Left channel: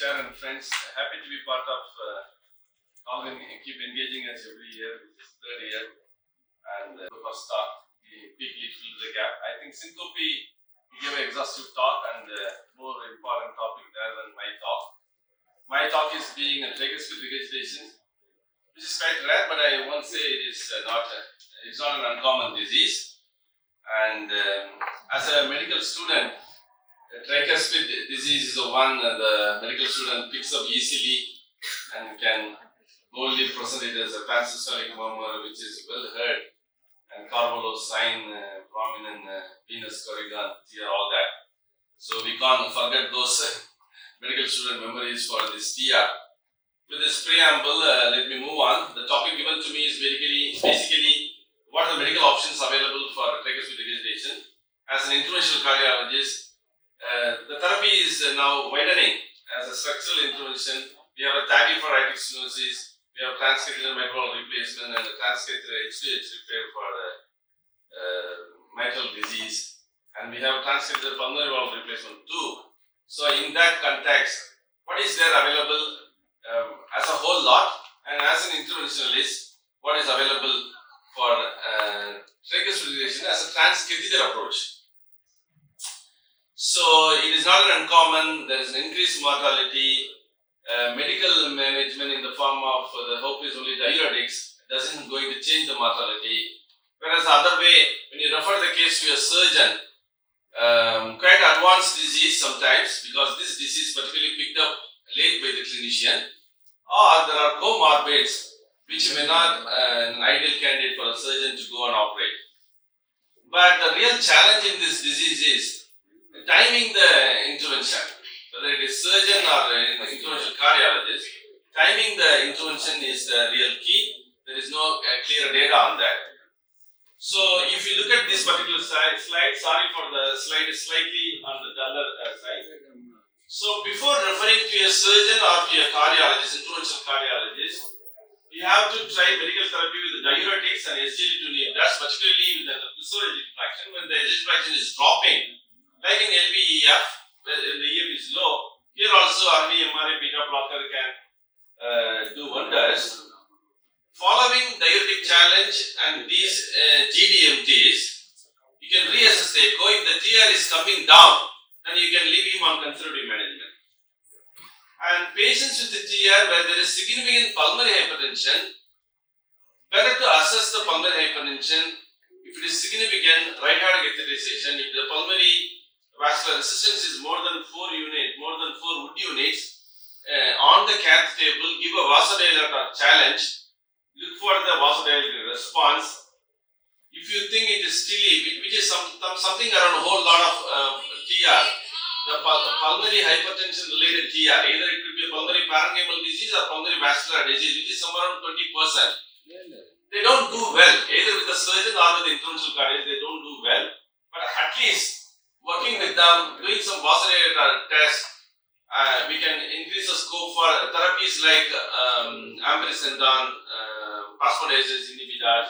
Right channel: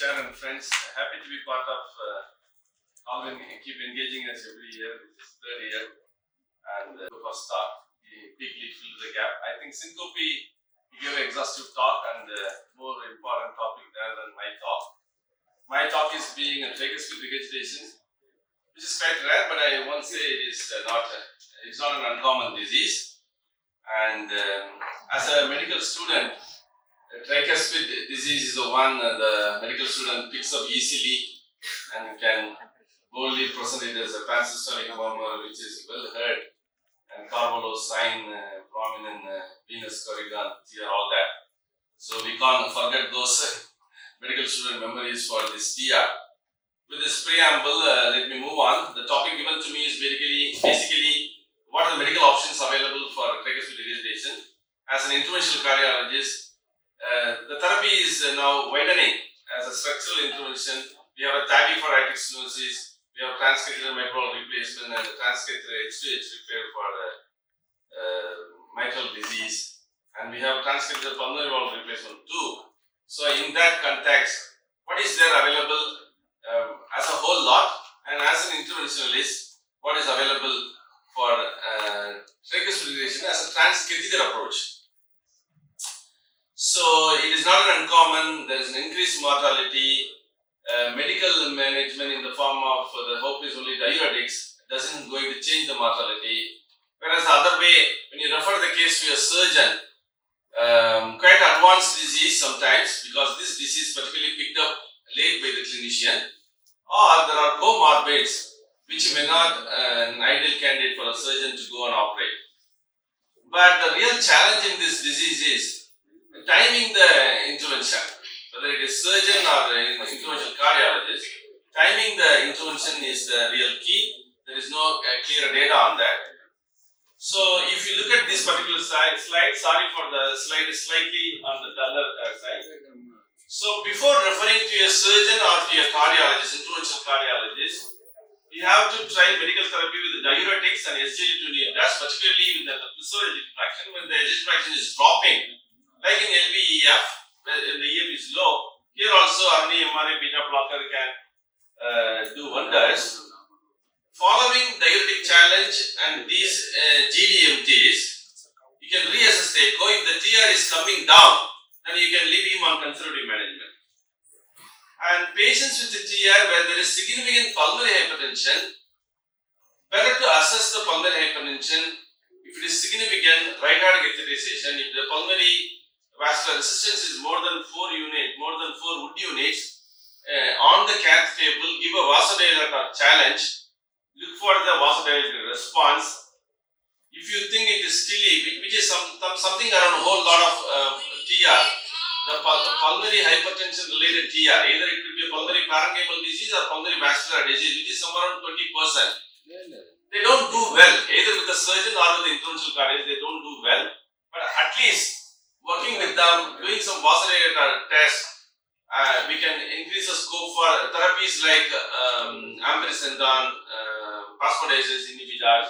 Chair and friends, happy to be part of Calwin. Keep engaging us every year. This is third year, and the first talk, he quickly filled the gap. I think syncope, he gave an exhaustive talk and more important topic there than my talk. My talk is being a tricuspid regurgitation, which is quite rare, but I won't say it is not an uncommon disease. And as a medical student, tricuspid disease is the one the medical student picks up easily and can boldly present it as a transsystolic murmur, which is well heard, and Carvalho's sign, prominent venous corrigan, all that. So we can't forget those medical student memories for this TR. With this preamble, let me move on. The topic given to me is basically what are the medical options available for tricuspid regurgitation. As an interventional cardiologist, the therapy is now widening as a structural intervention. We have a TAVI for atrial stenosis, we have transcatheter mitral replacement, and the transcatheter H2H repair for mitral disease, and we have transcatheter pulmonary valve replacement too. So in that context, what is there available as a whole lot, and as an interventionalist, what is available for tricuspid regurgitation as a transcatheter approach? So it is not uncommon. There is an increased mortality. Medical management in the form of the hope is only diuretics doesn't going to change the mortality. Whereas the other way, when you refer the case to a surgeon, quite advanced disease sometimes, because this disease particularly picked up late by the clinician, or there are comorbids which may not an ideal candidate for a surgeon to go and operate. But the real challenge in this disease is timing the intervention, whether it is surgeon or an interventional cardiologist. Timing the intervention is the real key. There is no clear data on that. So if you look at this particular slide, sorry for the slide is slightly on the duller side. So before referring to a surgeon or to a cardiologist, interventional cardiologist, we have to try medical therapy with the diuretics and SGLT2 inhibitors, particularly with the ejection fraction. When the ejection fraction is dropping, like in LVEF, when the EF is low, here also early MRA beta blocker can do wonders. Following diuretic challenge and these GDMTs, you can reassess the echo. If the TR is coming down, then you can leave him on conservative management. And patients with the TR where there is significant pulmonary hypertension, better to assess the pulmonary hypertension. If it is significant, right heart catheterization. If the pulmonary vascular resistance is more than 4 Wood units, on the cath table, give a vasodilator challenge, look for the vasodilator response. If you think it is still, which is something around a whole lot of TR, the pulmonary hypertension related TR, either it could be a pulmonary parenchymal disease or pulmonary vascular disease, which is somewhere around 20%. They don't do well, either with the surgeon or with the interventional cardiologist, they don't do well. But at least working with them, doing some vasodilator tests, we can increase the scope for therapies like Ambrisentan, phosphodiesterase inhibitors,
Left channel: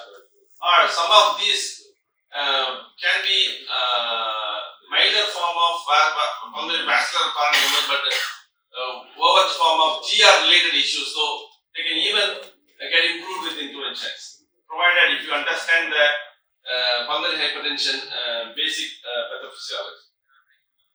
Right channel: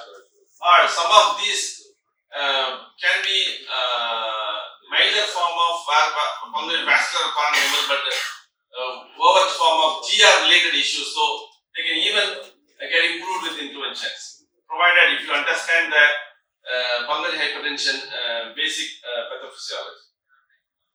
or some of these can be minor form of pulmonary vascular parenchymal, but overt form of GR related issues. So they can even get improved with interventions, provided if you understand the pulmonary hypertension basic pathophysiology.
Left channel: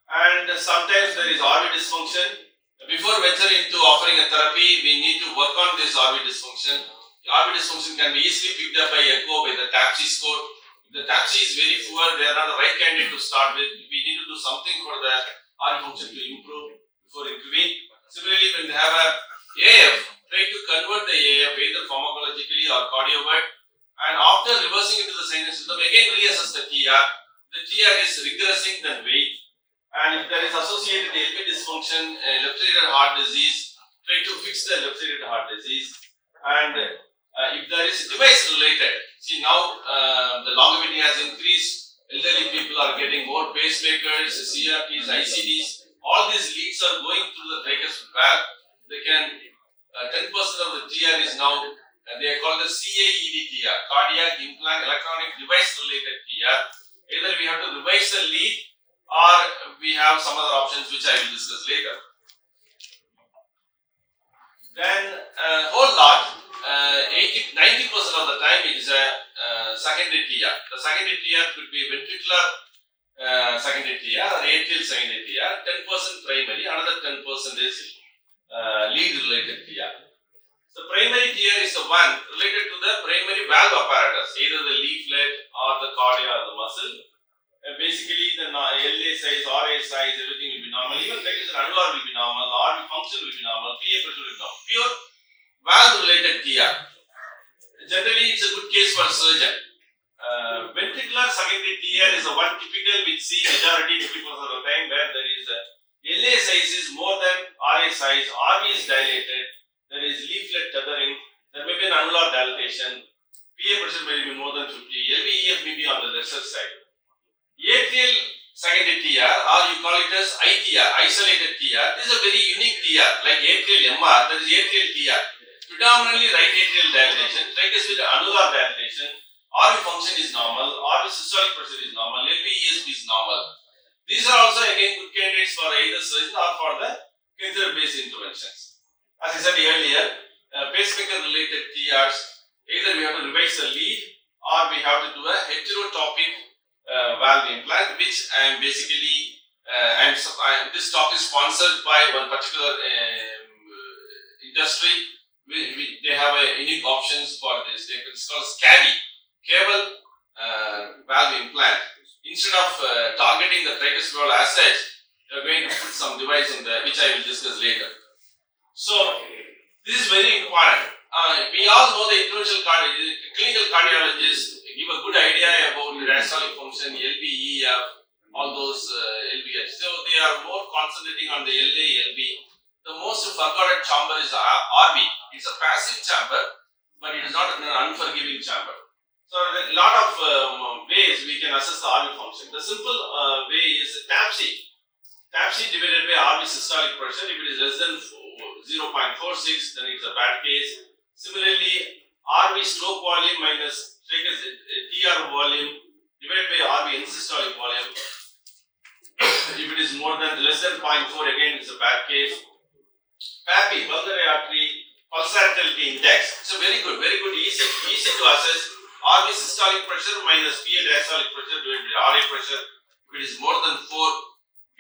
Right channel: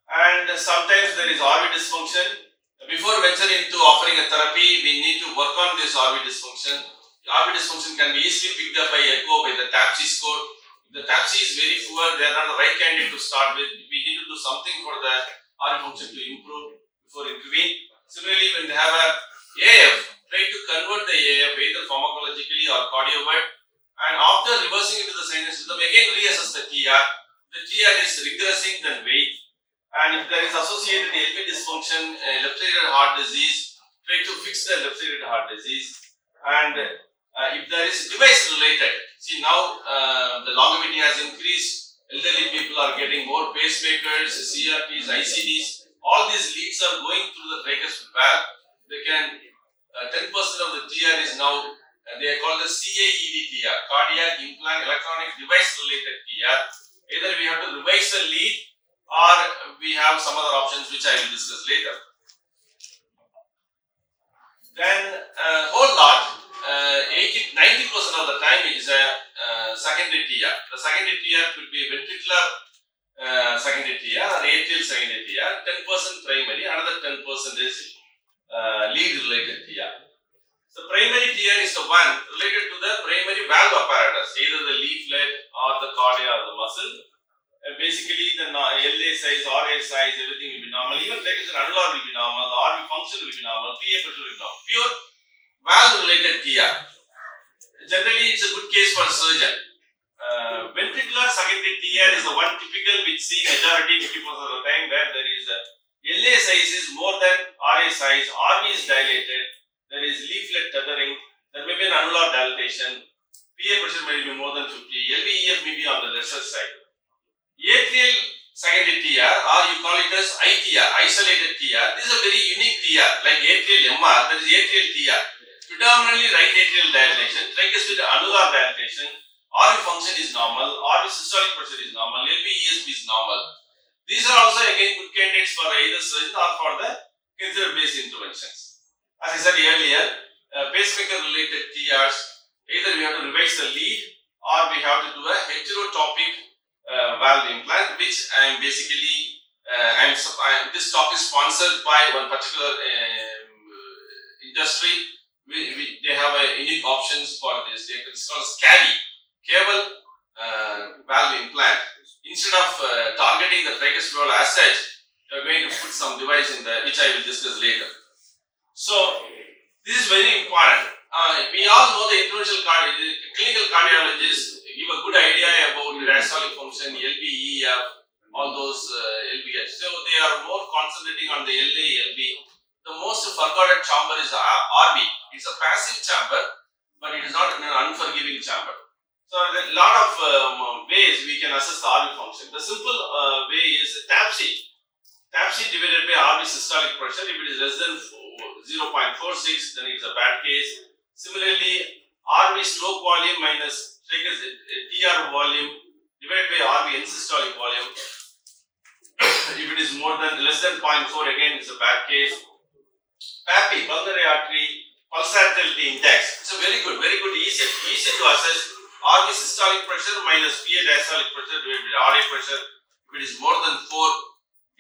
And sometimes there is RV dysfunction. Before venturing into offering a therapy, we need to work on this RV dysfunction. The RV dysfunction can be easily picked up by echo, by the TAPSE score. If the TAPSE is very poor, they are not the right candidate to start with. We need to do something for the RV function to improve before intervene. Similarly, when they have a AF, try to convert the AF either pharmacologically or cardiovert. And after reversing into the sinus rhythm, again reassess the TR. The TR is regressing, then wait. And if there is associated LV dysfunction, left-sided heart disease, try to fix the left-sided heart disease. And if there is device related, see now the longevity has increased. Elderly people are getting more pacemakers, CRPs, ICDs. All these leads are going through the tricuspid valve. They can 10% of the TR is now. They are called the CIED-TR, cardiac implant electronic device related TR. Either we have to revise the lead or we have some other options which I will discuss later. Then whole lot, 90% of the time it is a secondary TR. The secondary TR could be ventricular secondary TR or atrial secondary TR, 10% primary, another 10% is lead related TR. The primary TR is the one related to the primary valve apparatus, either the leaflet or the cardia or the muscle. Basically, the LA size, RA size, everything will be normal. Even tricuspid annular will be normal, the RV function will be normal, PA pressure will be normal. Pure valve related TR. Generally, it's a good case for surgeon. Ventricular secondary TR is the one typical which see majority 50% of the time where there is a LA size is more than RA size, RV is dilated, there is leaflet tethering, there may be an annular dilatation, PA pressure may be more than 50, LVEF may be on the lesser side. Atrial secondary TR, or you call it as ITR, isolated TR, this is a very unique TR, like atrial MR, there is atrial TR, predominantly right atrial dilatation, tricuspid annular dilatation, RV function is normal, RV systolic pressure is normal, LVESP is normal. These are also again good candidates for either surgeon or for the catheter-based interventions. As I said earlier, pacemaker related TRs, either we have to revise the lead or we have to do a heterotopic valve implant, which I am basically, this talk is sponsored by one particular industry. They have a unique options for this. It's called SCAVI, cable valve implant. Instead of targeting the tricuspid valve as such, you are going to put some device in there, which I will discuss later. So this is very important. We all know the clinical cardiologists give a good idea about the diastolic function, LVEF, all those LVH. So they are more concentrating on the LA, LV. The most forgotten chamber is RV. It's a passive chamber, but it is not an unforgiving chamber. So there are a lot of ways we can assess the RV function. The simple way is TAPSE. TAPSE divided by RV systolic pressure. If it is less than 0.46, then it's a bad case. Similarly, RV stroke volume minus TR volume divided by RV end-systolic volume. If it is more than less than 0.4, again it's a bad case. PAPI, pulmonary artery pulsatility index. It's a very good, easy to assess. RV systolic pressure minus PA diastolic pressure divided by RA pressure. If it is more than 4,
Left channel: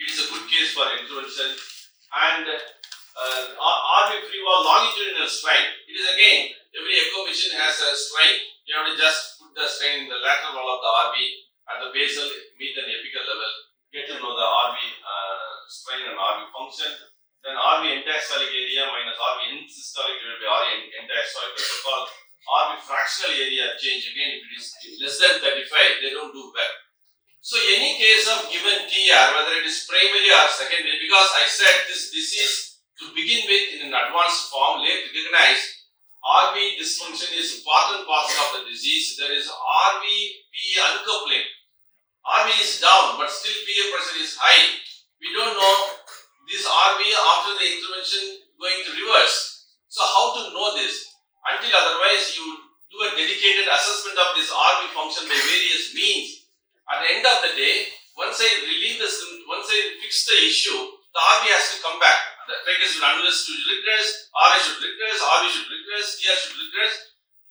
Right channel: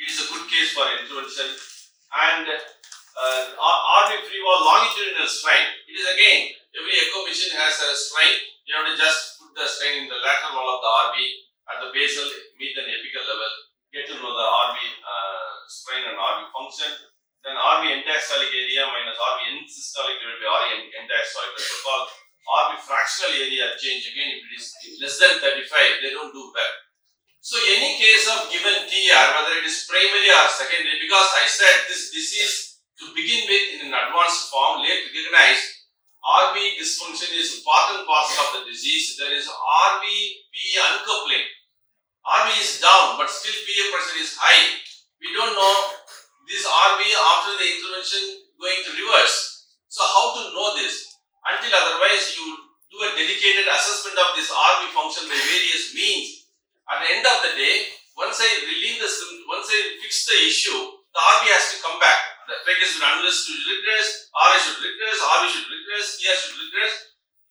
it is a good case for intervention. And RV free wall longitudinal strain. It is again, every echo machine has a strain. You have to just put the strain in the lateral wall of the RV at the basal, mid and apical level. Get to know the RV strain and RV function. Then RV end-diastolic area minus RV end-systolic divided by RV end-diastolic. That's so-called RV fractional area change. Again, if it is less than 35, they don't do well. So any case of given TR, whether it is primary or secondary, because I said this disease to begin with in an advanced form, late recognized, RV dysfunction is part and parcel of the disease. There is RV-PA uncoupling. RV is down, but still PA pressure is high. We don't know this RV after the intervention going to reverse. So how to know this? Until otherwise you do a dedicated assessment of this RV function by various means. At the end of the day, once I fix the issue, the RV has to come back. The tricuspid annulus should regress, RA should regress, RV should regress, TR should regress.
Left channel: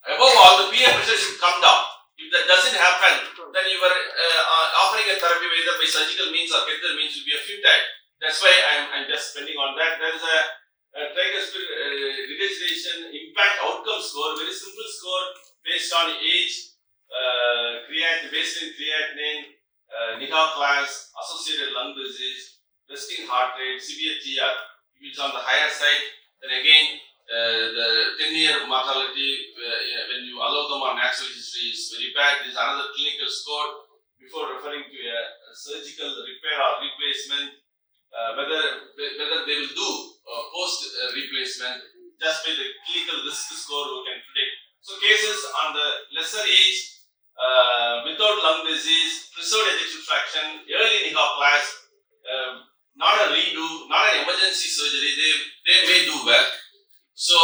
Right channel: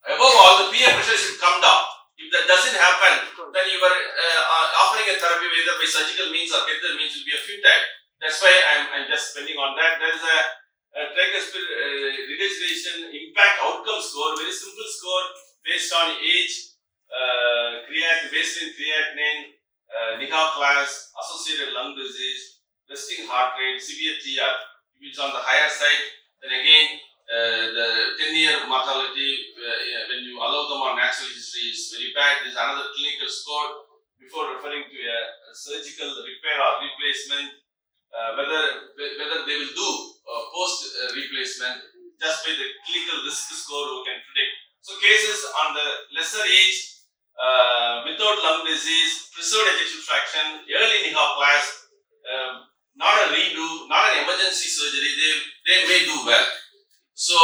Above all, the PA pressure should come down. If that doesn't happen, then you are offering a therapy either by surgical means or catheter means will be a futile. That's why I'm just spending on that. There is a tricuspid regurgitation impact outcome score, very simple score based on age, baseline creatinine, NIHA class, associated lung disease, resting heart rate, severe TR. If it's on the higher side, then again the 10-year mortality when you allow them on natural history is very bad. There is another clinical score before referring to a surgical repair or replacement. Whether they will do post replacement, just by the clinical risk score we can predict. So cases on the lesser age without lung disease, preserved ejection fraction, early NIHA class, not a redo, not an emergency surgery, they may do well. So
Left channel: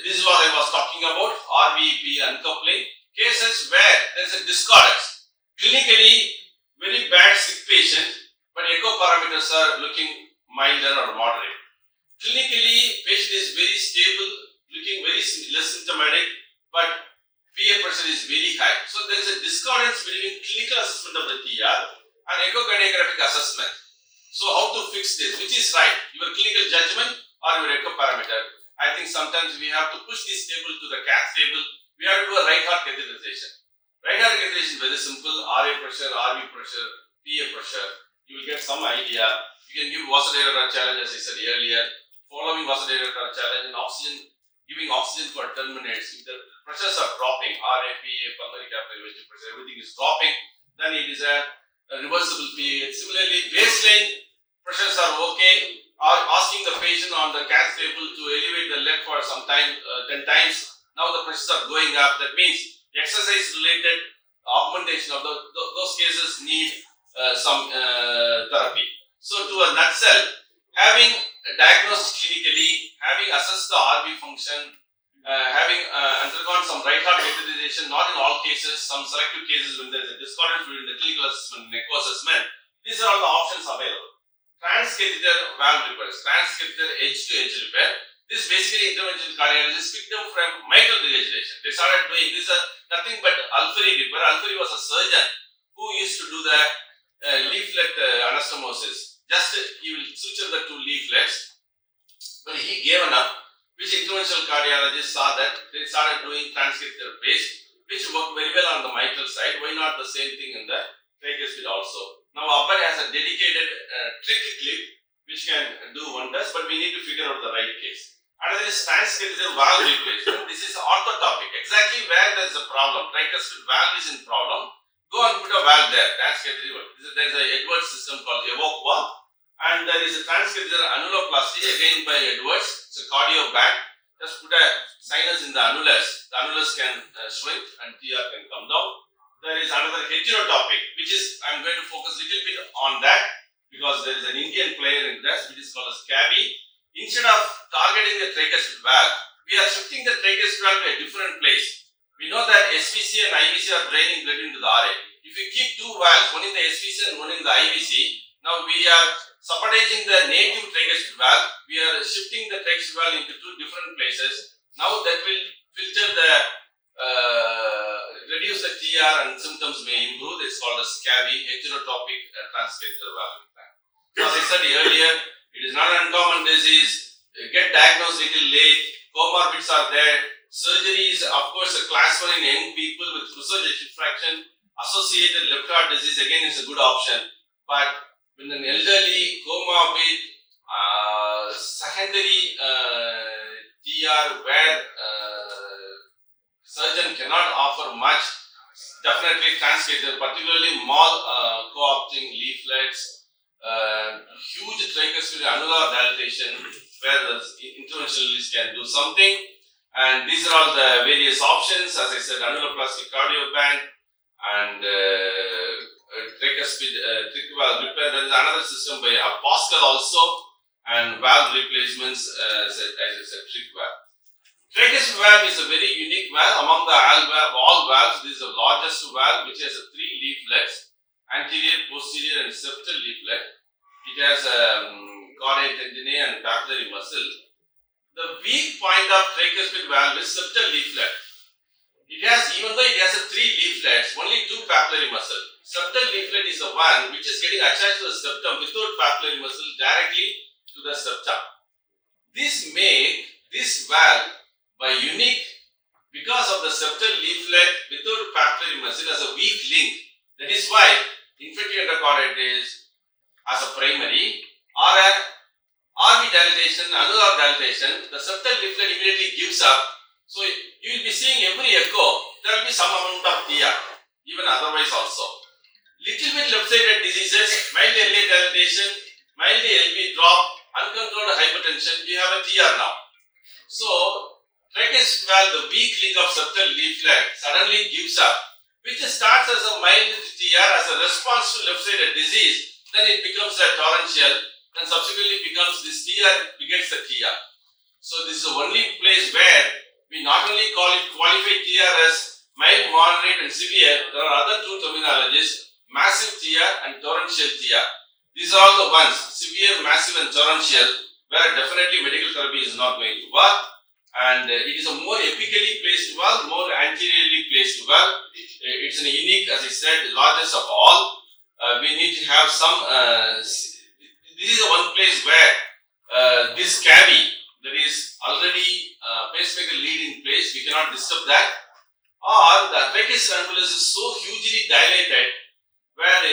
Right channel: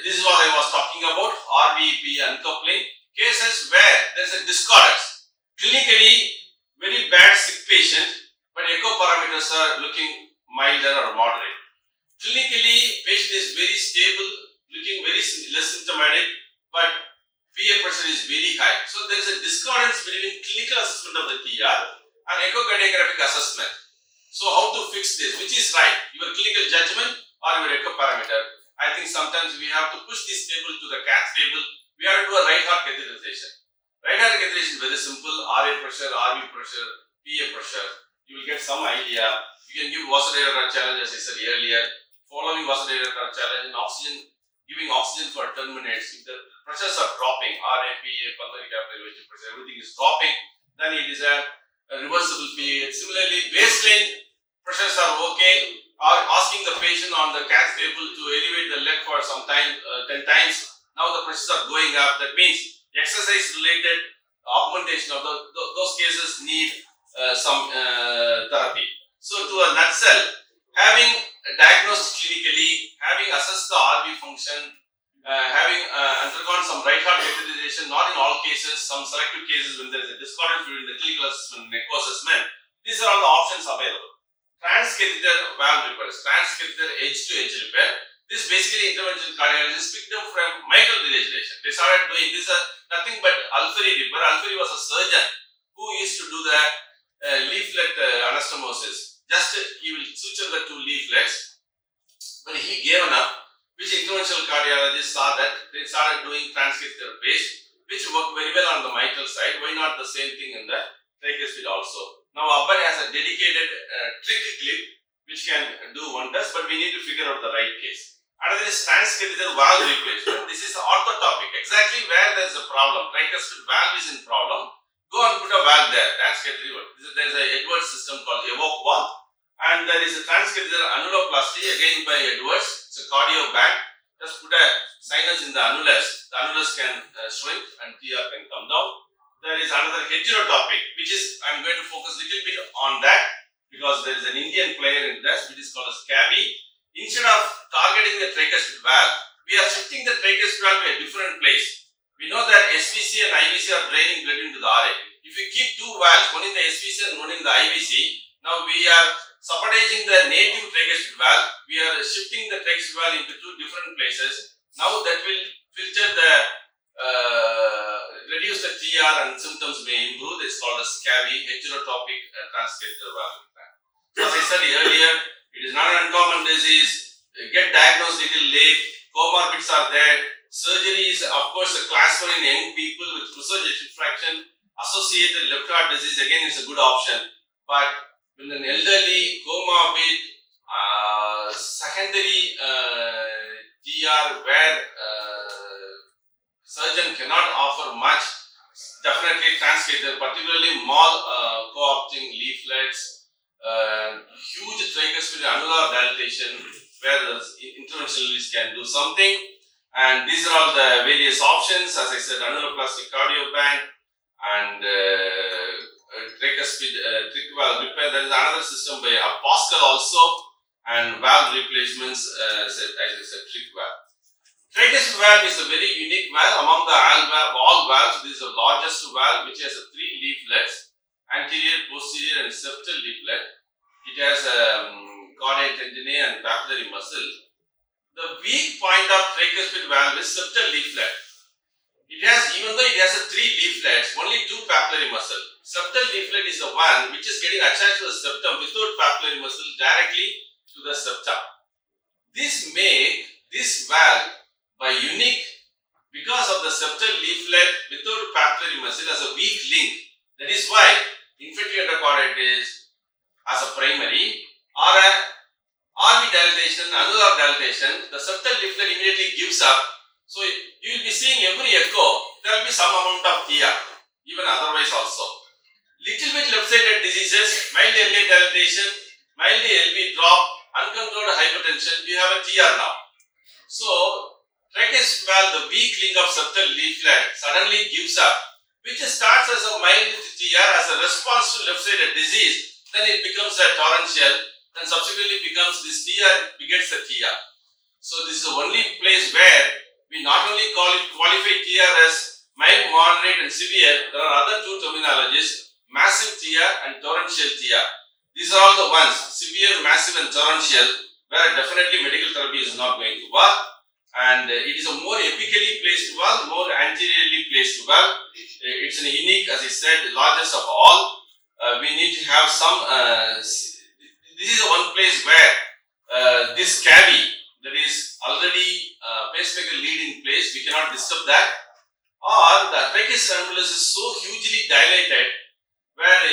this is what I was talking about, RV-PA uncoupling. Cases where there is a discordance, clinically very bad sick patient, but echo parameters are looking milder or moderate. Clinically, patient is very stable less symptomatic, but PA pressure is very high. So there is a discordance between clinical assessment of the TR and echocardiographic assessment. So how to fix this? Which is right? Your clinical judgment or your echo parameter? I think sometimes we have to push this table to the cath table. We have to do a right heart catheterization. Right heart catheterization is very simple. RA pressure, RV pressure, PA pressure. You will get some idea. You can give Vasodilator challenge as I said earlier. Following Vasodilator challenge and oxygen, giving oxygen for 10 minutes. If the pressures are dropping, RA, PA, pulmonary capillary pressure, everything is dropping, then it is a reversible PA. Similarly, baseline pressures are okay. Asking the patient on the cath table to elevate the leg for some time, 10 times. Now the pressures are going up. That means exercise related augmentation of those cases need some therapy. So to a nutshell, having diagnosed clinically, having assessed the RV function, having undergone some right heart catheterization, not in all cases, some selective cases when there is a discordance between the clinical assessment and echo assessment, these are all the options available. Transcatheter valve repairs, transcatheter edge-to-edge repair. This basically interventional cardiologists picked up from mitral regurgitation. They started doing this nothing but Alferi repair. Alferi was a surgeon who used to do the leaflet anastomosis. Just he will suture the two leaflets. When he gave up, which interventional cardiologists saw that, they started doing transcatheter base, which worked very well on the mitral side. Why not the same thing in the tricuspid also? Now Abhay has a dedicated Tricuspid which can do wonders, but we need to figure out the right case. Another is transcatheter valve replacement. This is orthotopic, exactly where there is a problem. Tricuspid valve is in problem. Go and put a valve there. Transcatheter. There is a Edwards system called Evoke valve, and there is a transcatheter annuloplasty again by Edwards. It's a cardio band. Just put a sinus in the annulus. The annulus can shrink and TR can come down. There is another heterotopic, which is, I'm going to focus a little bit on that because there is an Indian player in that, which is called as SCAVI. Instead of targeting the tricuspid valve, we are shifting the tricuspid valve to a different place. We know that SVC and IVC are draining blood into the RA. If you keep two valves, one in the SVC and one in the IVC, now we are subordinating the native tricuspid valve. We are shifting the tricuspid valve into two different places. Now that will filter the reduce the TR and symptoms may improve. It's called a SCAVI, heterotopic transcatheter valve implant. So as I said earlier, it is not an uncommon disease. Get diagnosed little late. Comorbids are there. Surgery is of course a class 1 in young people with resurgent fraction. Associated left heart disease again is a good option. But when an elderly comorbid secondary TR where surgeon cannot offer much, definitely transcatheter, particularly more co-opting leaflets, huge tricuspid annular dilatation where the interventionalists can do something. And these are all the various options. As I said, annuloplasty cardio band and tricuspid valve repair. There is another system by Pascal also, and valve replacements as I said, tric valve. Tricuspid valve is a very unique valve among the all valves. This is the largest valve which has 3 leaflets, anterior, posterior and septal leaflet. It has chordae tendineae and papillary muscle. The weak point of tricuspid valve is septal leaflet. It has, even though it has 3 leaflets, only 2 papillary muscle. Septal leaflet is the one which is getting attached to the septum without papillary muscle directly to the septum. This make this valve by unique because of the septal leaflet without papillary muscle as a weak link. That is why inferior endocarditis as a primary or a RV dilatation, annular dilatation, the septal leaflet immediately gives up. So you will be seeing every echo, there will be some amount of TR, even otherwise also. Little bit left-sided diseases, mild LA dilatation, mild LV drop, uncontrolled hypertension, you have a TR now. So tricuspid valve, the weak link of septal leaflet suddenly gives up, which starts as a mild TR as a response to left-sided disease. Then it becomes a torrential, then subsequently becomes this TR begets the TR. So this is the only place where we not only qualify TR as mild, moderate and severe, there are other 2 terminologies, massive TR and torrential TR. These are all the ones, severe, massive and torrential, where definitely medical therapy is not going to work. and it is a more apically placed valve, more anteriorly placed valve. It's an unique, as I said, the largest of all. We need to have some, this is the one place where this SCAVI, that is already pacemaker lead in place, we cannot disturb that, or the tricuspid annulus is so hugely dilated where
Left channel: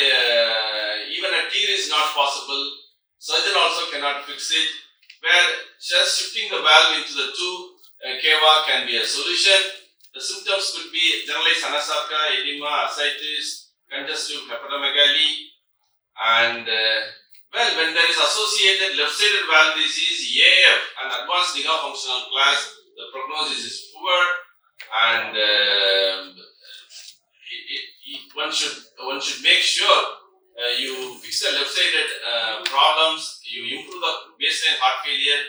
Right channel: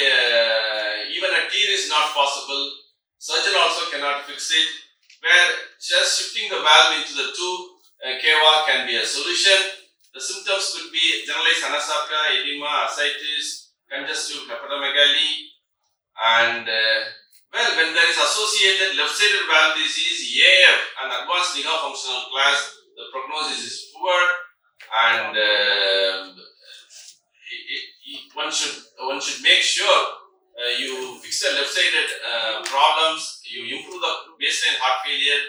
even a tear is not possible, surgeon also cannot fix it, where just shifting the valve into the two cava can be a solution. The symptoms could be generalized anasarca, edema, ascites, congestive hepatomegaly, and well, when there is associated left-sided valve disease, AF, and advanced Niga functional class, the prognosis is poor, and one should make sure you fix the left-sided problems, you improve the baseline heart failure,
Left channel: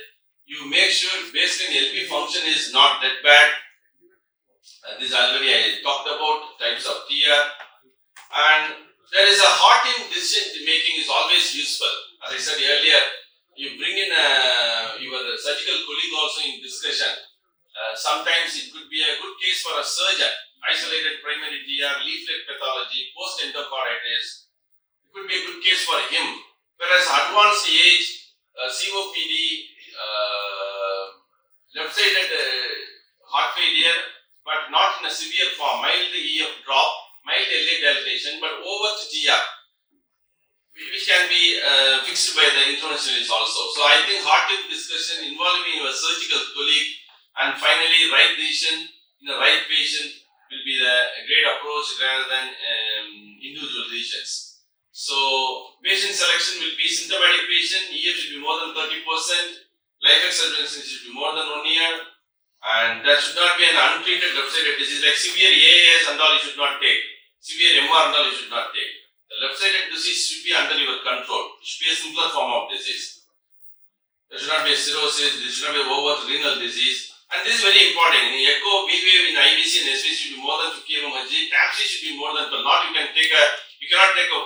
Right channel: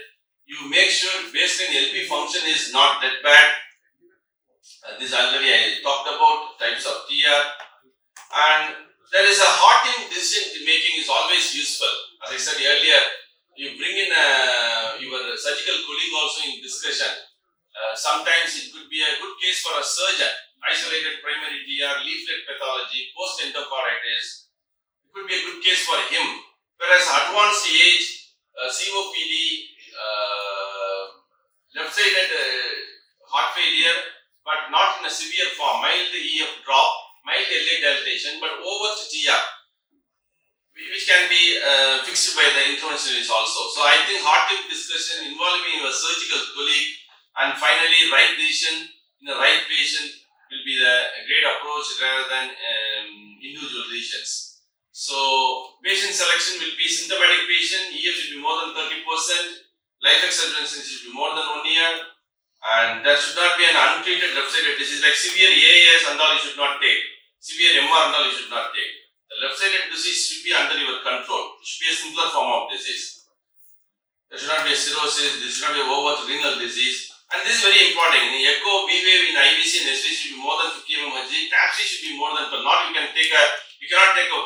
you make sure baseline LV function is not that bad. This already I talked about, types of TR, and there is a hearting decision making is always useful. As I said earlier, you bring in your surgical colleague also in discussion. Sometimes it could be a good case for a surgeon, isolated primary TR, leaflet pathology, post-endocarditis. It could be a good case for him. Whereas advanced age, COPD, left-sided heart failure, but not in a severe form, mild EF drop, mild LA dilatation, but over to TR, which can be fixed by the interventionalist also. So I think hearting discussion involving your surgical colleague, and finally right decision in the right patient will be the great approach rather than individual decisions. So patient selection will be symptomatic patient, EF should be more than 30%, life expectancy should be more than 1 year, and there should not be an untreated left-sided disease like severe AAS and all you should not take, severe MR and all you should not take. The left-sided disease should be under your control. It should be a simpler form of disease. There should not be a cirrhosis, there should not be overt renal disease. And this is very important. In echo, B wave in IVC and SVC should be more than 50 mmHg. TAPSE should be more than 12. Not you cannot take a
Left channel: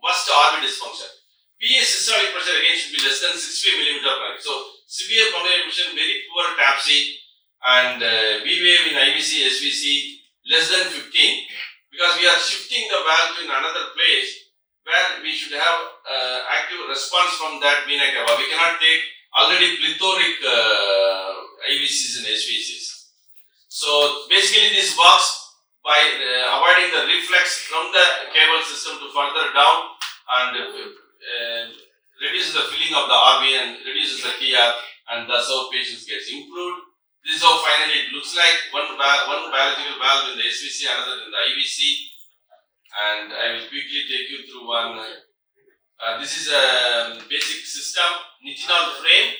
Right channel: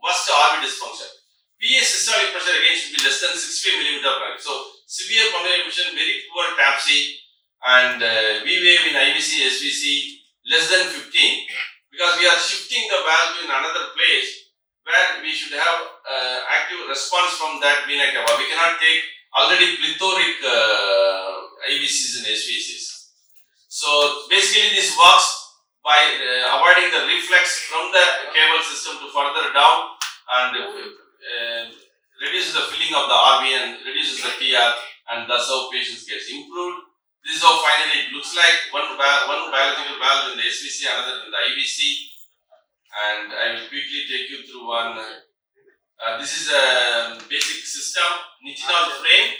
worst RV dysfunction. PA systolic pressure again should be less than 65 mm/min. So severe pulmonary embolism, very poor TAPSE, and B wave in IVC, SVC less than 15. Because we are shifting the valve to another place where we should have active response from that vena cava. We cannot take already plethoric IVCs and SVCs. So basically this works by avoiding the reflex from the caval system to further down and reduces the filling of the RV and reduces the TR, and thus how patients gets improved. This is how finally it looks like, one biological valve in the SVC, another in the IVC, and I will quickly take you through one. This is a basic system, nitinol frame,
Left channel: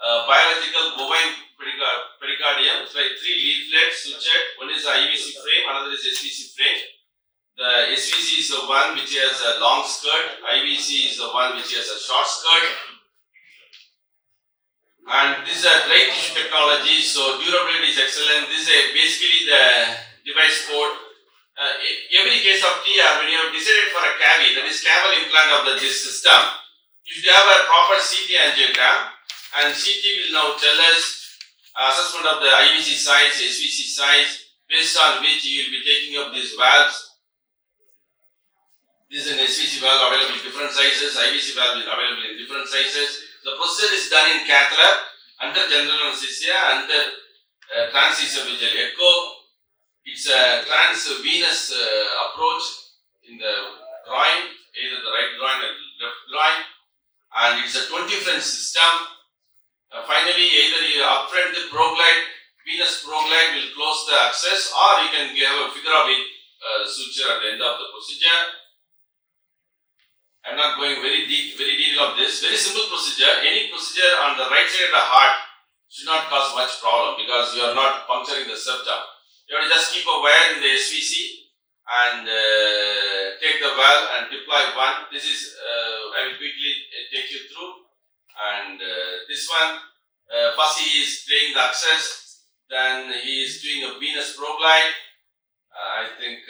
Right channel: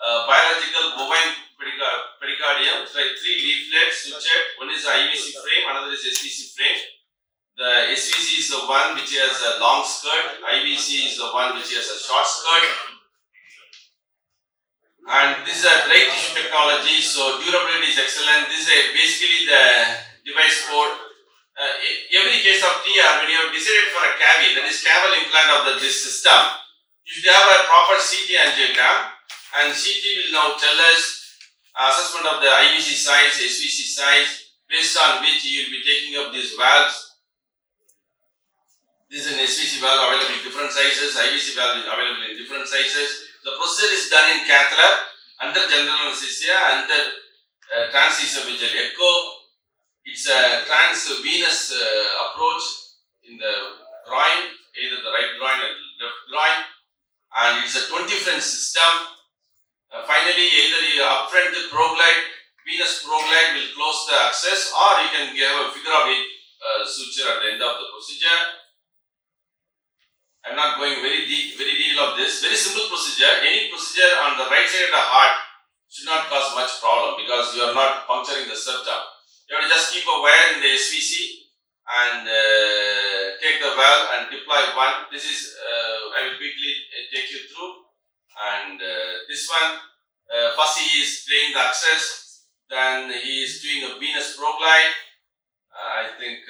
biological bovine pericardium, right, 3 leaflets, sutured. One is the IVC frame, another is SVC frame. The SVC is the one which has a long skirt, IVC is the one which has a short skirt. And this is a dry tissue technology, so durability is excellent. This is basically the device port. Every case of TR, when you have decided for a CAVI, that is caval implant of this system, you should have a proper CT angiogram, and CT will now tell us assessment of the IVC size, SVC size, based on which you will be taking up these valves. This is an SVC valve available in different sizes, IVC valve is available in different sizes. The procedure is done in cath lab, under general anesthesia, under transesophageal echo. It's a transvenous approach in the groin, either the right groin or left groin, and it's a 20-French system. Finally, either you upfront the proglide, venous proglide will close the access, or you can have a figure of 8 suture at the end of the procedure. I'm not going very detail of this. Very simple procedure. Any procedure on the right side of the heart should not cause much problem because you are not puncturing the septum. You have to just keep a wire in the SVC and take the valve and deploy one. This is, I will quickly take you through. And this one, first he is playing the access, then he is doing a venous proglide. I think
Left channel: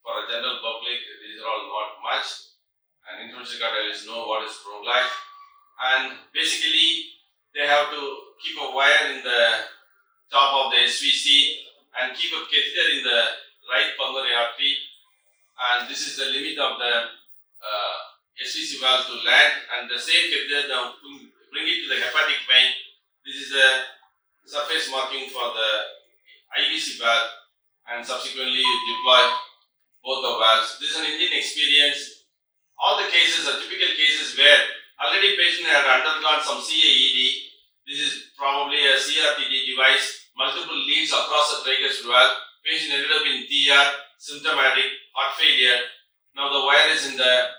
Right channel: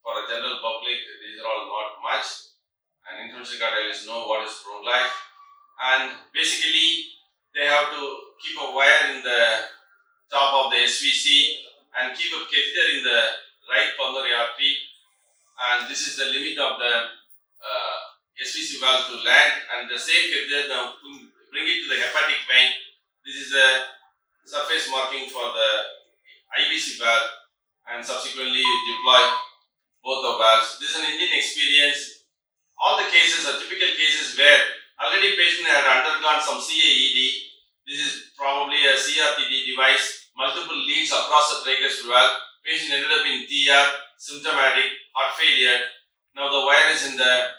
for a general public, these are all not much. And interventional cardiologists know what is proglide. And basically, they have to keep a wire in the top of the SVC and keep a catheter in the right pulmonary artery, and this is the limit of the SVC valve to land, and the same catheter now bring it to the hepatic vein. This is a surface marking for the IVC valve, and subsequently you deploy both the valves. This is an Indian experience. All the cases are typical cases where already patient had undergone some CIED. This is probably a CRTD device, multiple leads across the tricuspid valve. Patient ended up in TR, symptomatic, heart failure. Now the wire is in the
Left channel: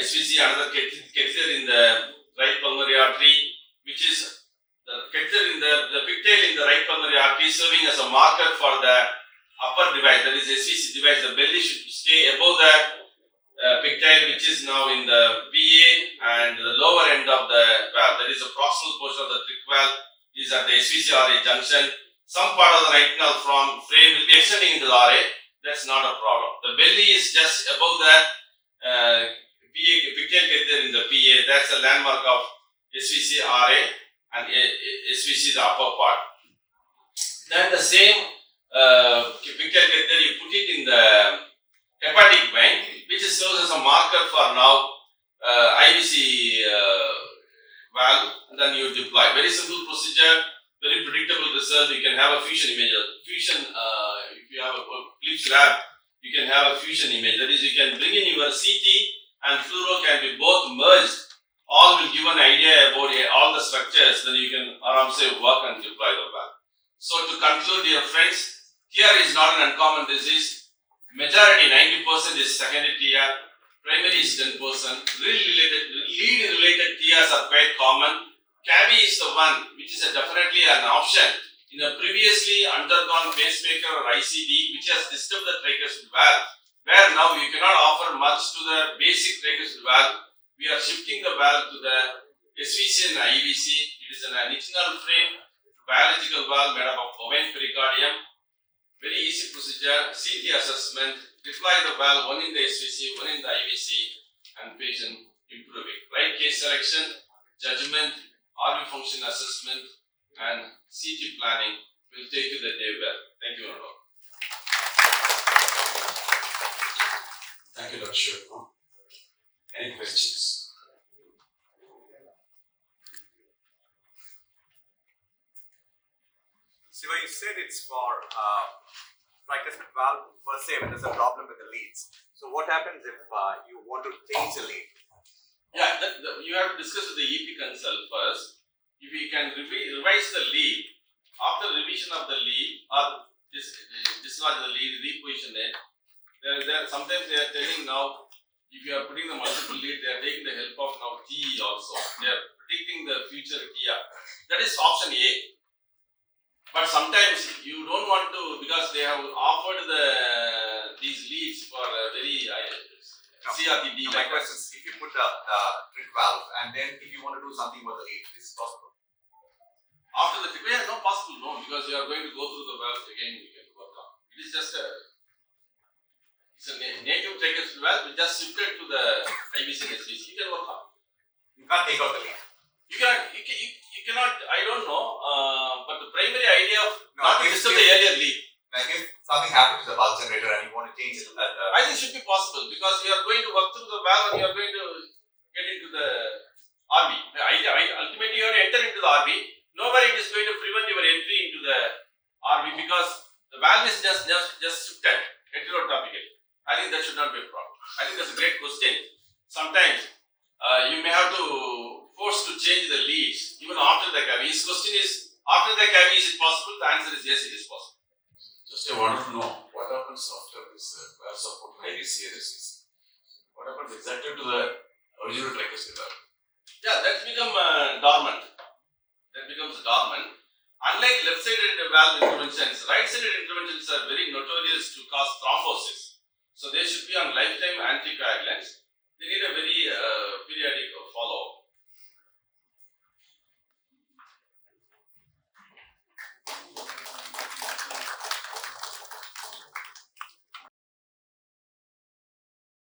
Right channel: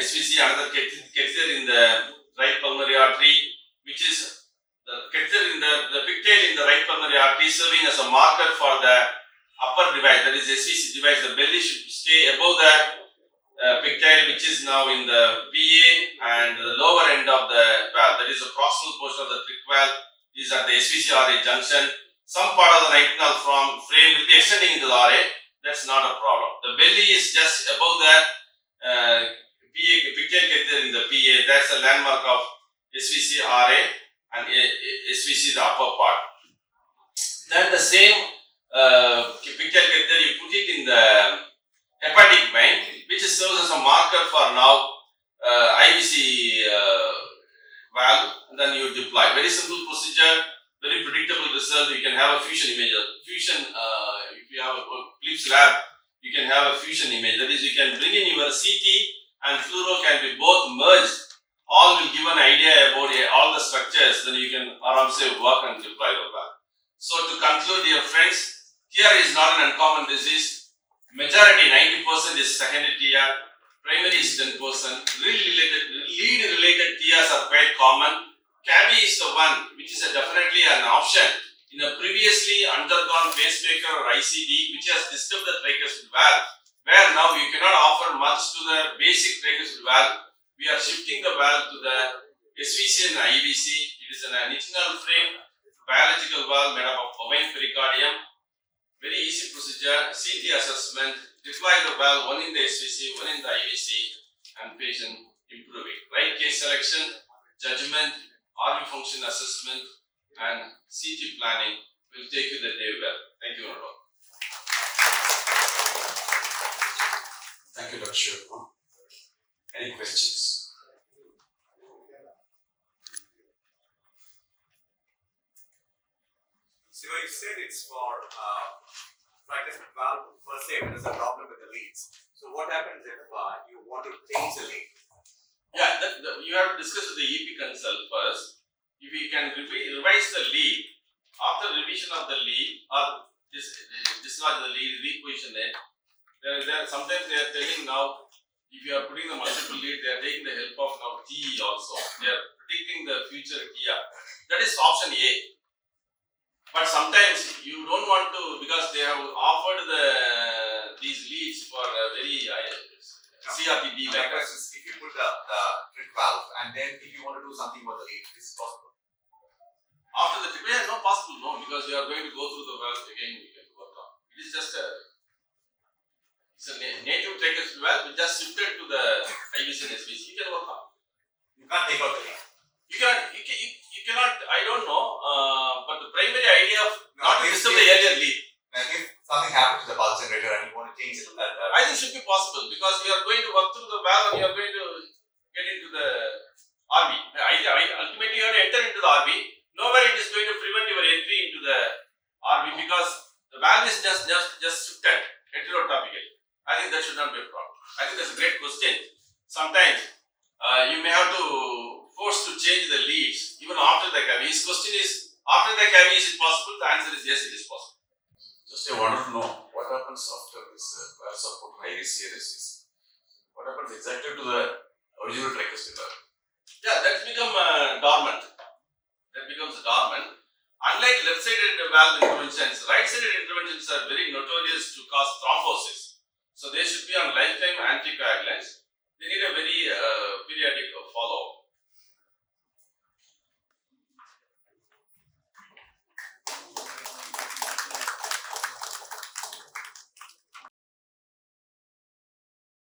SVC, another catheter in the right pulmonary artery, which is the catheter in the pigtail in the right pulmonary artery serving as a marker for the upper device, that is SVC device. The belly should stay above the pigtail, which is now in the PA, and the lower end of the valve, that is the proximal portion of the tric valve, is at the SVC-RA junction. Some part of the right canal frame will be extending into the RA. That's not a problem. The belly is just above the PA, pigtail catheter in the PA. That's the landmark of SVC-RA and SVC, the upper part. Then the same pigtail catheter, you put it in the hepatic vein, which serves as a marker for now IVC valve, and then you deploy. Very simple procedure, very predictable result. You can have a fusion image. If you have a CLIPS lab, you can have a fusion image. That is, you can bring in your CT and fluoro can be both merged. All will give an idea about all the structures. Then you can say work and deploy the valve. So to conclude, dear friends, here is not an uncommon disease. Majority 90% is secondary TR, primary is 10%. Lead-related TRs are quite common. CAVI is the one which is definitely an option in a previously undergone pacemaker or ICD which has disturbed the tricuspid valve, where now you cannot offer much to the basic tricuspid valve. We are shifting the valve to the SVC and IVC. It is an nitinol frame, biological valve made up of bovine pericardium. Very easy procedure, CT assessment, deploy the valve, one in the SVC, one in the IVC, and patient improving. Right case selection, judgment, RV function assessment, and CT planning will take you the day well. Thank you, Honorable. Thank you, Dr. Shivakumar. Any questions? Siva, you said it's for tricuspid valve per se when there's a problem with the leads. So what happens if you want to change the lead? Yeah, you have to discuss with the EP consult first. If we can revise the lead, after revision of the lead or dislodge the lead, reposition it, sometimes they are telling now, if you are putting the multiple lead, they are taking the help of now TE also. They are predicting the future TR. That is option A. But sometimes you don't want to, because they have offered these leads for a very CRTD like that. If you put the tric valve and then if you want to do something with the lead, this is possible. After the tric, no possible, no, because you are going to go through the valve again. You can work on. It is just it's a native tricuspid valve. We just shifted to the IVC and SVC. You can work on. You can't take out the lead. You cannot, I don't know, but the primary idea of not to disturb the earlier lead. Like if something happens to the pulse generator and you want to change it, I think it should be possible because you are going to work through the valve and you are going to get into the RV. Ultimately, you have to enter into the RV. Nowhere it is going to prevent your entry into the RV because the valve is just shifted heterotopically. I think that should not be a problem. I think that's a great question. Sometimes you may have to force to change the leads even after the CAVI. His question is, after the CAVI, is it possible? The answer is yes, it is possible. Just I wanted to know what happens after this valve support in IVC and SVC. What happens exactly to the original tricuspid valve? Yeah, that's become dormant. That becomes dormant. Unlike left-sided valve interventions, right-sided interventions are very notorious to cause thrombosis. So they should be on lifetime anticoagulants. They need